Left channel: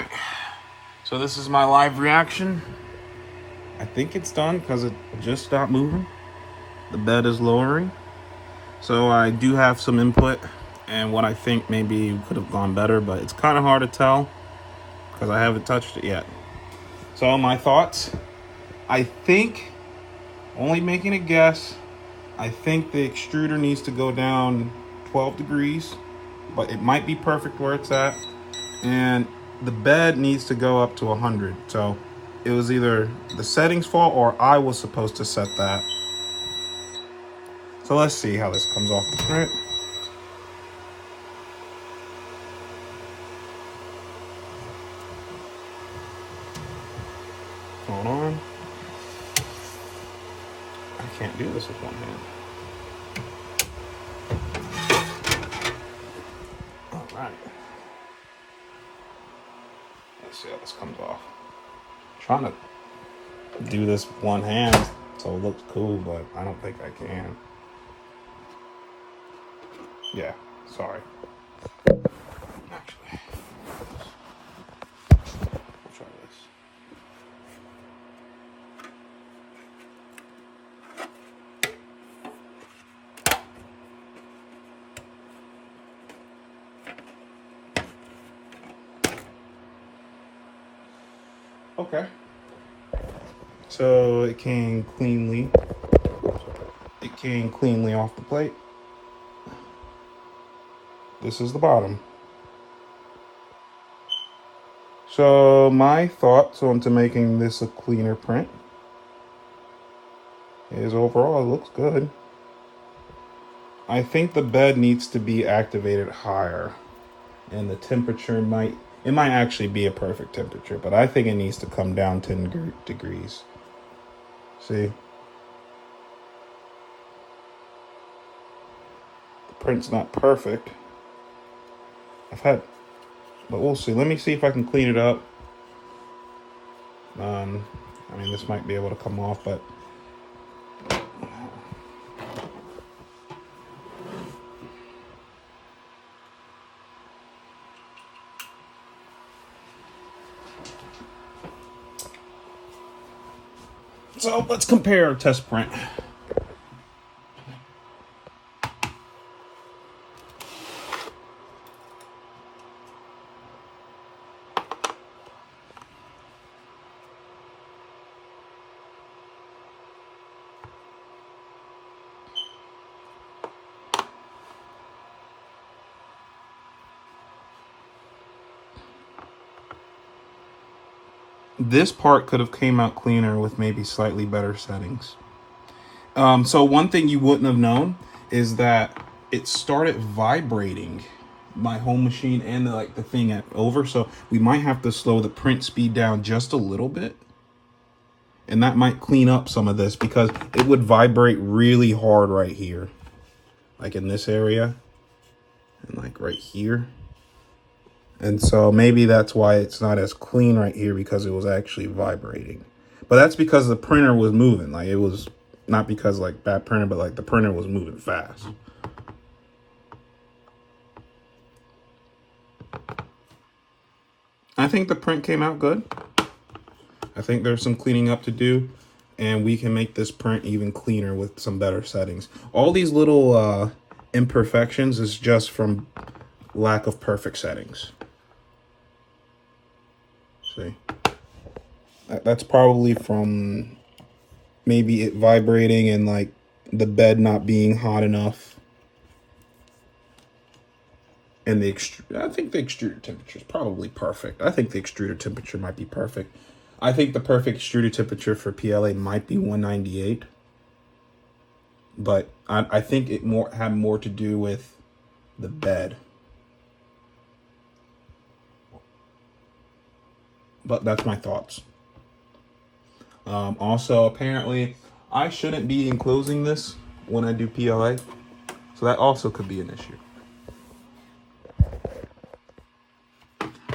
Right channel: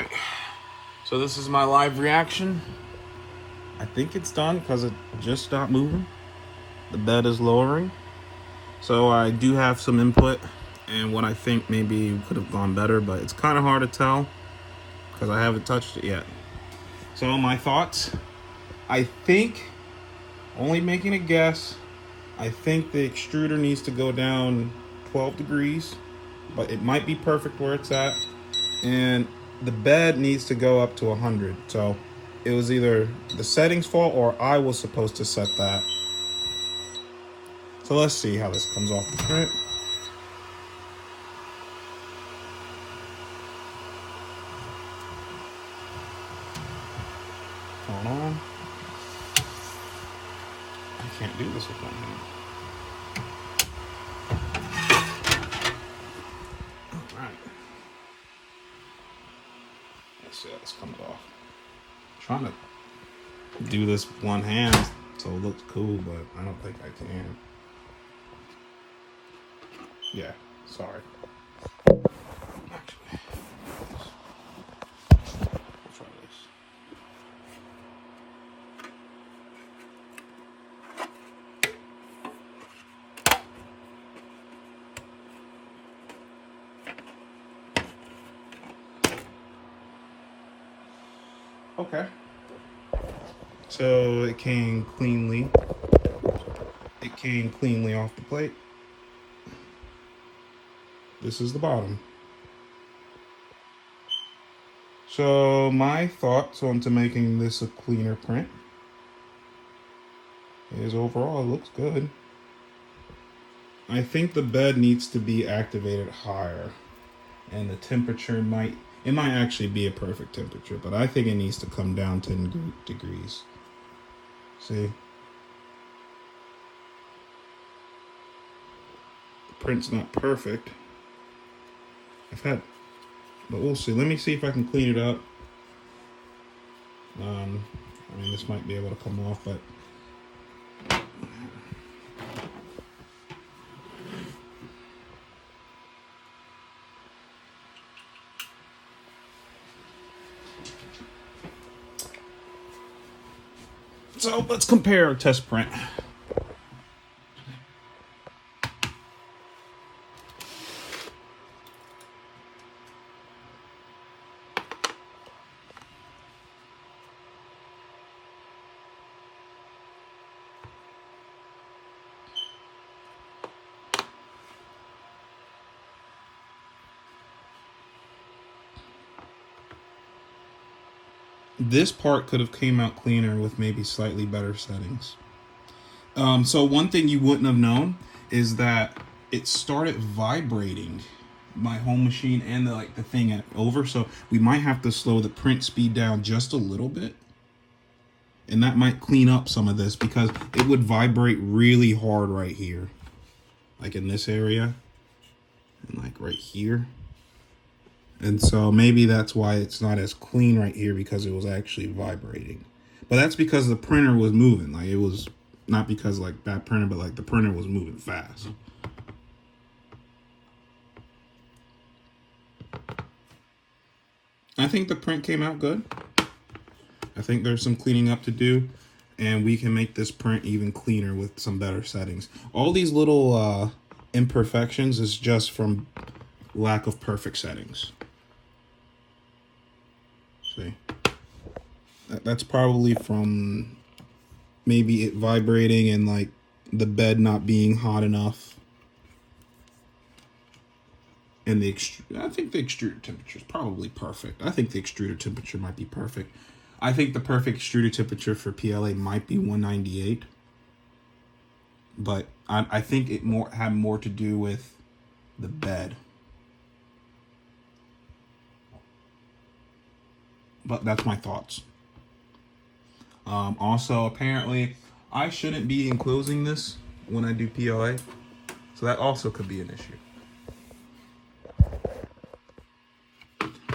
Alright, so this is my live reaction. I think it's done because it just stopped moving. The bed is lowering. So I do have some input and what I think maybe could have gone better, but it's kind of hard to tell because I haven't touched it yet. So my thoughts, I think, only making a guess, I think the extruder needs to go down 12 degrees, but it might be perfect where it's at. And the bed needs to go up to 100. So it was either the settings fault or I was supposed to set that. So let's see how this comes off. All right. Hold on. I can't do this with one hand. All right. Let's see how this comes off. I'm trying to do this with one hand so it looks cool, but I don't think I can. Yeah, sorry. I'll try this. Okay. So it came cleanly. It came cleanly off the plate. This is the bottom. So my thoughts onto making this a cleaner print is overall it looks good. I think the bed needs to be activated higher, and the temperature might actually be a perfect temperature, but I think it needs to come down 10 degrees. See? The print's not perfect. But we'll see. Let me see if I can clean it up. I mean, this might be able to come off, but so let's compare our test print. This part could have came out cleaner with maybe slightly better settings. So one thing you wouldn't have known is that it started vibrating my home machine and the thing at over. So we might have to slow the print speed down just a little bit. And that might clean up some of this because it would vibrate really hard right here. Like in this area and like right here. And so maybe that's why it's not as clean right here, because it was actually vibrating. But that's because the printer was moving. Like it was not because like bad printer, but like the printer was moving fast. I think the print came out good. I think there's some cleaning up to do, and we can make this print even cleaner with some better settings. All these little imperfections is just from lack of perfect settings. See, that's probably from maybe it vibrating and like the bed not being hot enough. And I think the extruder temperature is probably perfect. I think the extruder temperature might be perfect. I think the perfect extruder temperature for PLA might be 198. But I think it had more to do with the bed. But that's my thoughts. Also, apparently, I shouldn't be enclosing this when I do PLA. So that also could be an issue.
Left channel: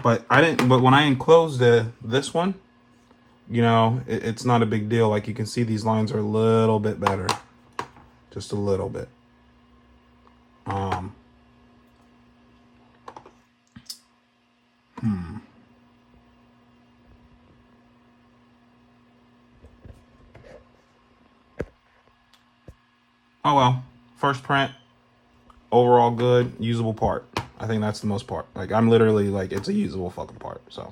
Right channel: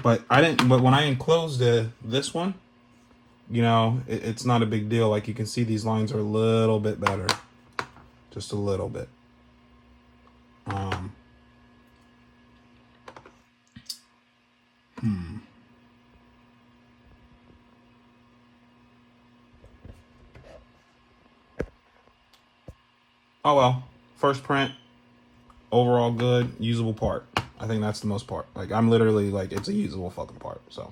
But when I enclosed this one, you know, it's not a big deal. Like you can see these lines are a little bit better. Just a little bit. Oh well, first print, overall good, usable part. I think that's the most part. Like I'm literally like it's a usable fucking part. So